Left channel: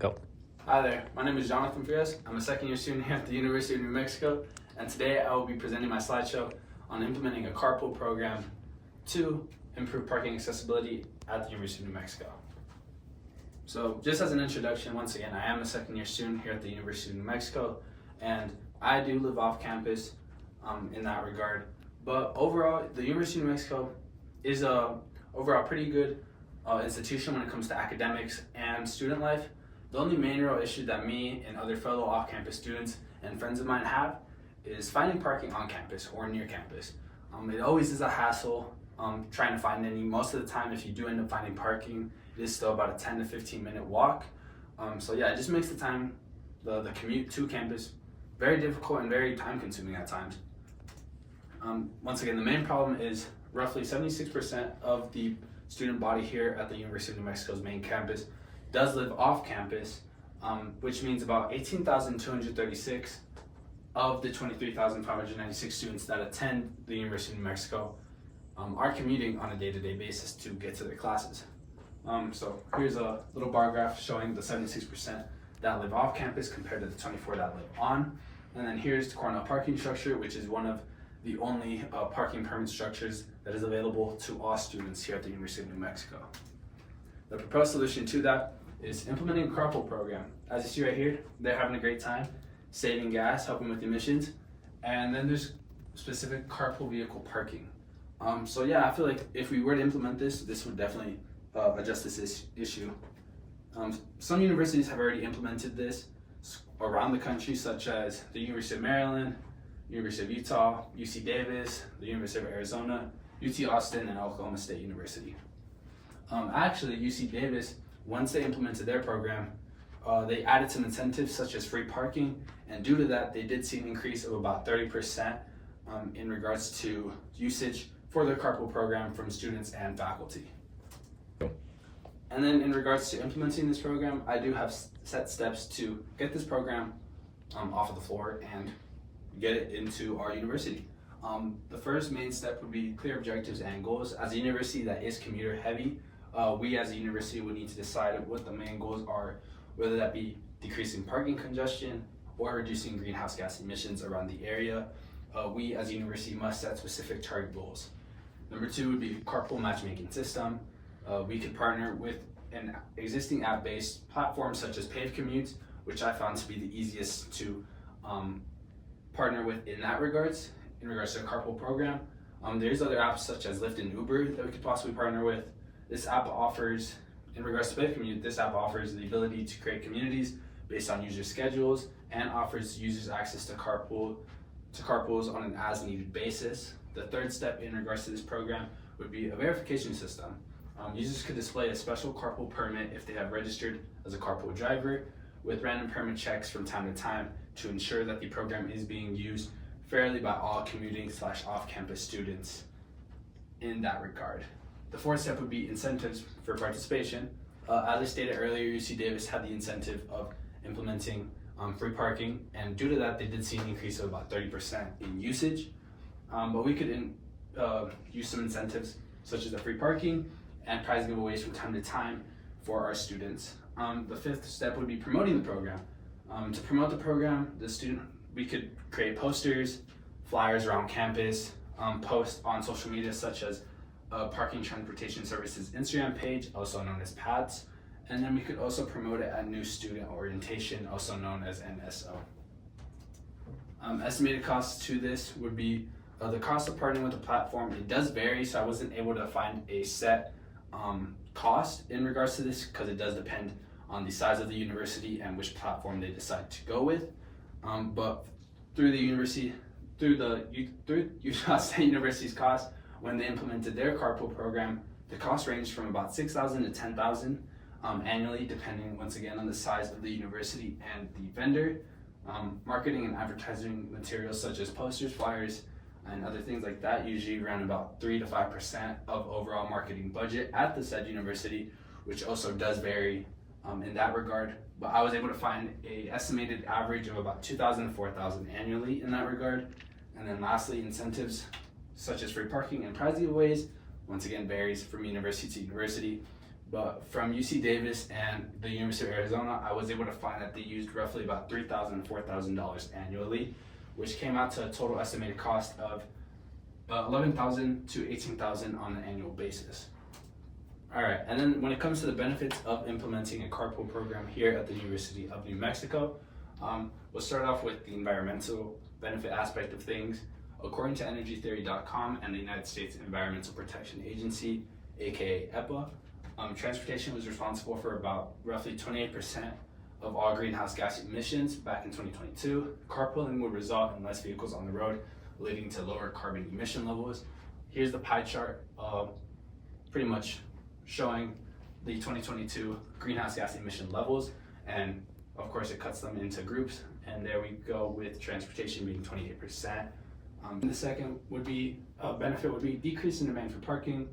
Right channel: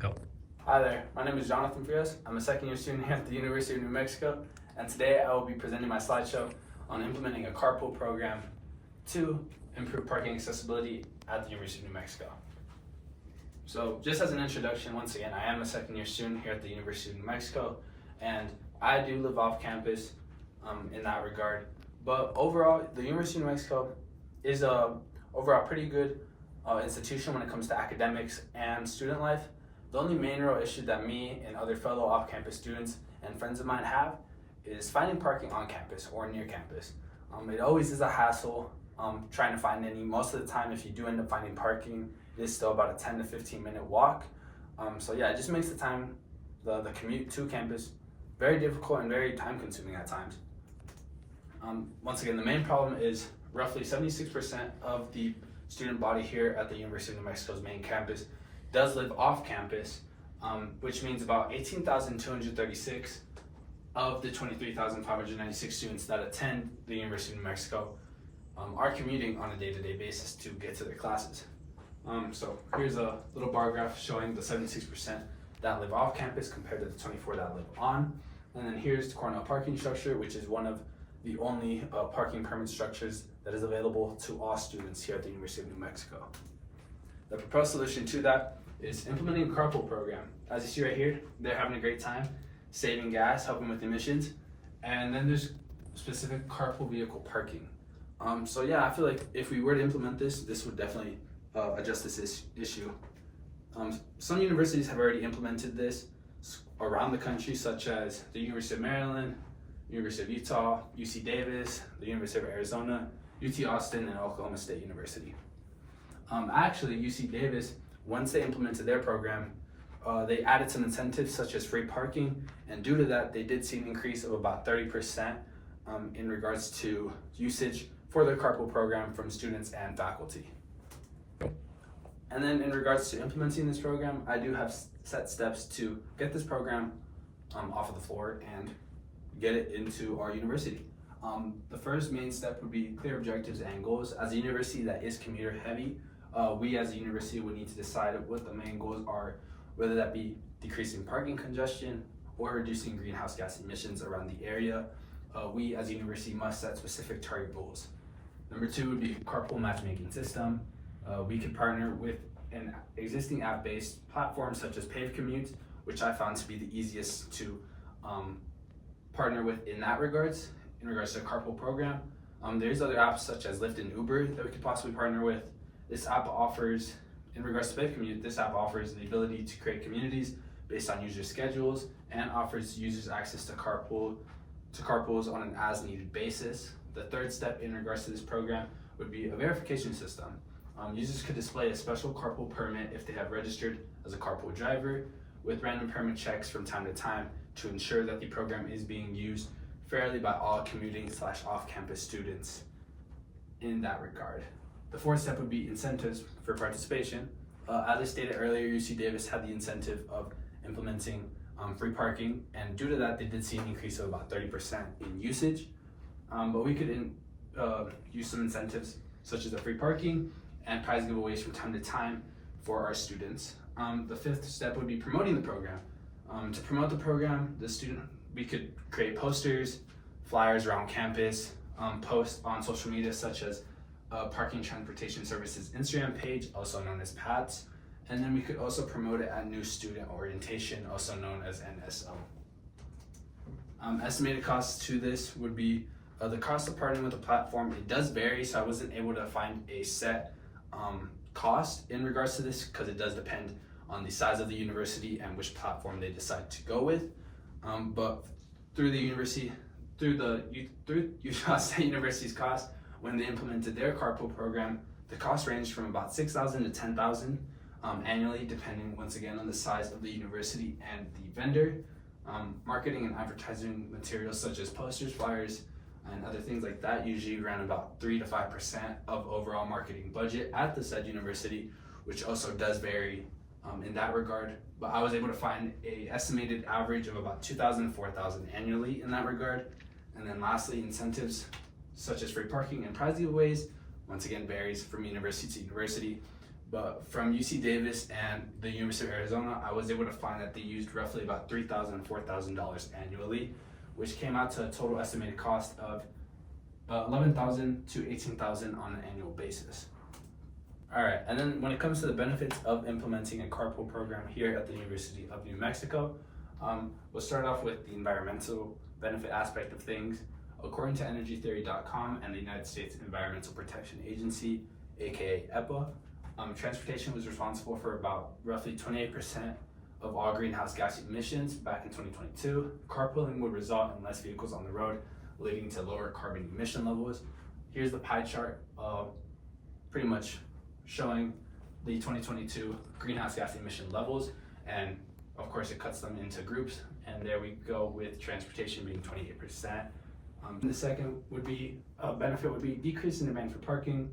Go. Hi there, my name is Jonathan Frias. I'm a second year student here at the University of New Mexico, and today I will be presenting my slideshow on implementing a carpool program to improve parking accessibility at the University of New Mexico. So just as an introduction, once again, I am a second year student here at the University of New Mexico, and I do live off campus in that regard. But overall, the University of New Mexico is a overall pretty good institution when it comes to academics and student life. The only main real issue that me and other fellow off-campus students and friends of mine have is finding parking on campus or near campus. It always is a hassle trying to find any. Most of the time, if you do end up finding parking, it is still about a 10 to 15 minute walk. So yeah, it just makes the commute to campus very difficult and very time consuming at times. Once again, the main problem is roughly 76% of the student body here at the University of New Mexico's main campus does live off campus, which means about 18,236 of the 23,596 students that attend the University of New Mexico are commuting on a day-to-day basis to get to their classes. So here's a little bar graph showing the 76% that live off campus compared to the 24 that live on. And then here's the Cornell parking structure, which is one of the only parking permit structures that is available to all students here at the University of New Mexico. The proposed solution to that is implementing a carpool program. As you see right here, they're having a great time saving gas, helping with emissions, and then there's specific carpool vehicle parking. So yeah, I feel like if we were to implement this would definitely address this issue. Some universities have already implemented this around the country, such as the University of Maryland, University of Utah, UC Davis, the University of Arizona, UT Austin, and Oklahoma State University. Actually, UC Davis, once they implemented their program, they added some incentives such as free parking, and due to that, they did see an increase of about 30% in regards to usage for their carpool program from students and faculty. And then in regards to implementing this program, I do have set steps to get this program off of the floor and get it into our university. The first main step would be clear objectives and goals. As a university that is commuter heavy, we as a university would need to decide what the main goals are, whether that be decreasing parking congestion or reducing greenhouse gas emissions around the area. We as a university must set specific target goals. Number two would be carpool matchmaking system. We could partner with an existing app-based platform such as Paved Commutes, which I found to be the easiest to partner with in regards to the carpool program. There's other apps such as Lyft and Uber that we could possibly partner with. This app offers, in regards to Paved Commute, this app offers the ability to create communities based on user schedules and offers users access to carpools on an as-needed basis. The third step in regards to this program would be a verification system. Users could display a special carpool permit if they have registered as a carpool driver, with random permit checks from time to time to ensure that the program is being used fairly by all commuting / off-campus students in that regard. The fourth step would be incentives for participation. As I stated earlier, UC Davis had the incentive of implementing free parking, and due to that, they did see an increase of about 30% in usage. But we could use some incentives such as the free parking and prize giveaways from time to time for our students. The fifth step would be promoting the program. To promote the program, we could create posters, flyers around campus, post on social media such as Parking Transportation Services Instagram page, also known as PATS, and then we could also promote it at New Student Orientation, also known as NSO. Estimated costs to this would be the cost of partnering with the platform. It does vary, so I wasn't able to find a set cost in regards to this because it does depend on the size of the university and which platform they decide to go with. But through Utah State University's cost, when they implemented their carpool program, the cost ranged from about $6,000 to $10,000 annually, depending once again on the size of the university and the vendor. Marketing and advertising materials such as posters, flyers, and other things like that usually around about 3 to 5% of overall marketing budget at the said university, which also does vary in that regard. But I was able to find an estimated average of about $2,000 to $4,000 annually in that regard. And then lastly, incentives such as free parking and prize giveaways, once again varies from university to university, But from UC Davis and the University of Arizona, I was able to find that they used roughly about $3,000 to $4,000 annually, which came out to a total estimated cost of $11,000 to $18,000 on an annual basis. All right, and then when it comes to the benefits of implementing a carpool program here at the University of New Mexico, we'll start off with the environmental benefit aspect of things. According to energytheory.com and the United States Environmental Protection Agency, aka EPA, transportation was responsible for about roughly 28% of all greenhouse gas emissions back in 2022. Carpooling would result in less vehicles on the road, leading to lower carbon emission levels. Here's the pie chart, pretty much showing the 2022 greenhouse gas emission levels, and of course it cuts them into groups, and there we go with transportation being 28%. The second would be benefit would be decrease in demand for parking.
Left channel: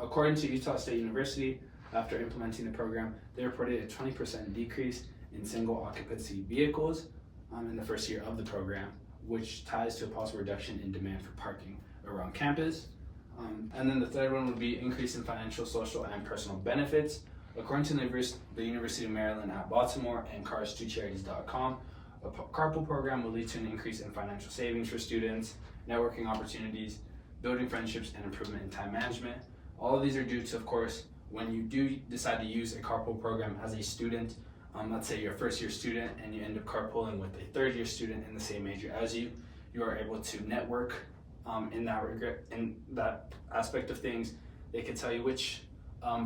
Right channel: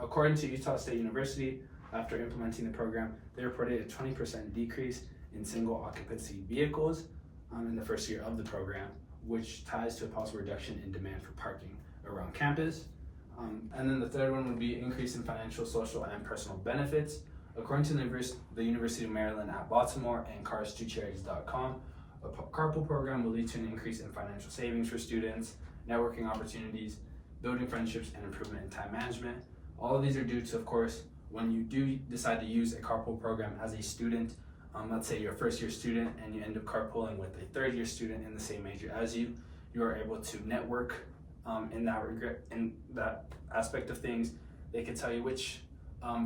According to Utah State University, after implementing the program, they reported a 20% decrease in single occupancy vehicles in the first year of the program, which ties to a possible reduction in demand for parking around campus. And then the third one would be increase in financial, social, and personal benefits. According to the University of Maryland at Baltimore and cars2charities.com, a carpool program will lead to an increase in financial savings for students, networking opportunities, building friendships, and improvement in time management. All of these are due to, of course, when you do decide to use a carpool program as a student. Let's say you're a first-year student and you end up carpooling with a third-year student in the same major as you are able to network in that aspect of things. They can tell you which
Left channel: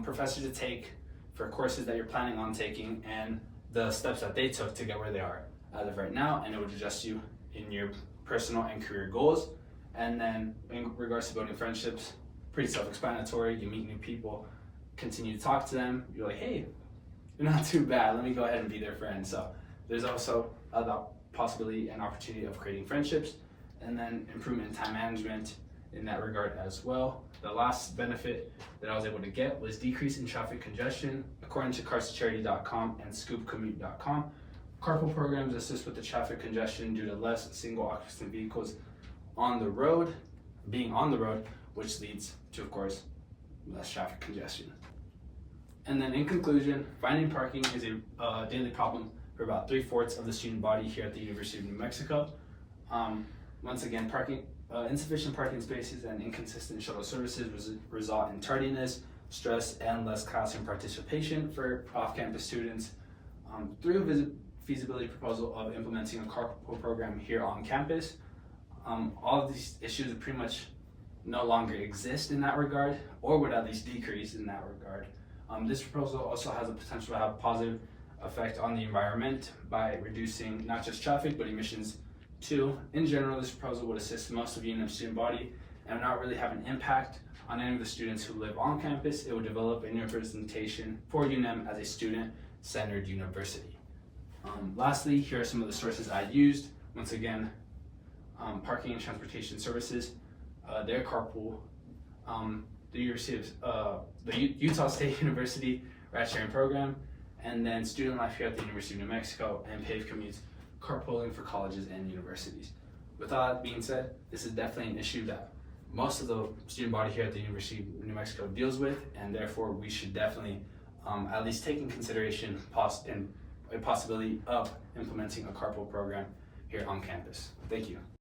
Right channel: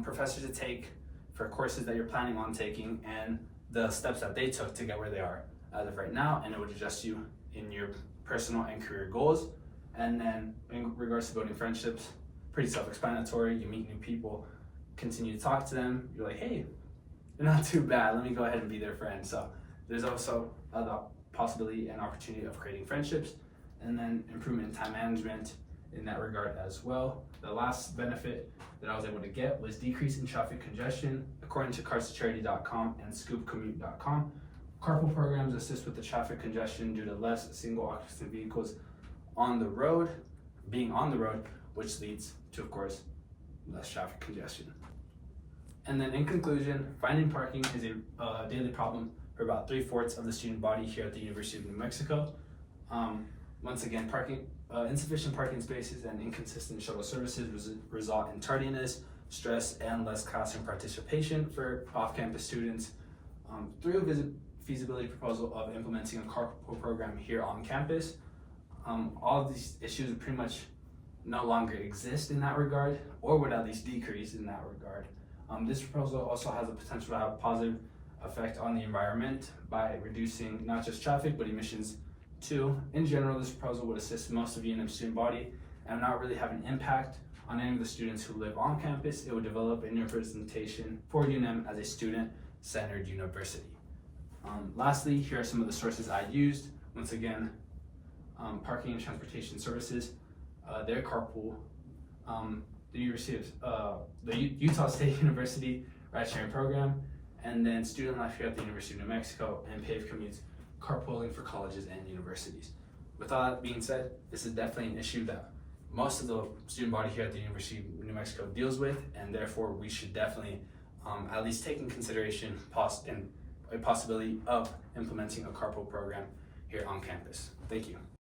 professors to take for courses that you're planning on taking and the steps that they took to get where they are as of right now, and it would adjust you in your personal and career goals. And then in regards to building friendships, pretty self-explanatory. You meet new people, continue to talk to them. You're like, hey, you're not too bad. Let me go ahead and be their friend. So there's also the possibility and opportunity of creating friendships, and then improvement in time management in that regard as well. The last benefit that I was able to get was decrease in traffic congestion. According to cars2charity.com and scoopcommute.com, carpool programs assist with the traffic congestion due to less single occupancy vehicles being on the road, which leads to, of course, less traffic congestion. And then in conclusion, finding parking is a daily problem for about 3/4 of the student body here at the University of New Mexico. Once again, insufficient parking spaces and inconsistent shuttle services result in tardiness, stress, and less classroom participation for off-campus students. Through a feasibility proposal of implementing a carpool program here on campus, all of these issues would pretty much no longer exist in that regard, or would at least decrease in that regard. This proposal also has the potential to have a positive effect on the environment by reducing not just traffic, but emissions too. In general, this proposal would assist most of UNM's student body and not really have an impact on any of the students who live on campus. It would develop a new representation for UNM as a student-centered university. Lastly, here are some of the sources I used. Once again, parking and transportation services, their carpool, the Utah State University ride-sharing program, and then student life here at the University of New Mexico, and paved commutes, carpooling for colleges and universities. With all that being said, this is definitely an issue that most of the student body here at the University of New Mexico deals with, and therefore we should definitely at least take in consideration a possibility of implementing a carpool program here on campus. Thank you.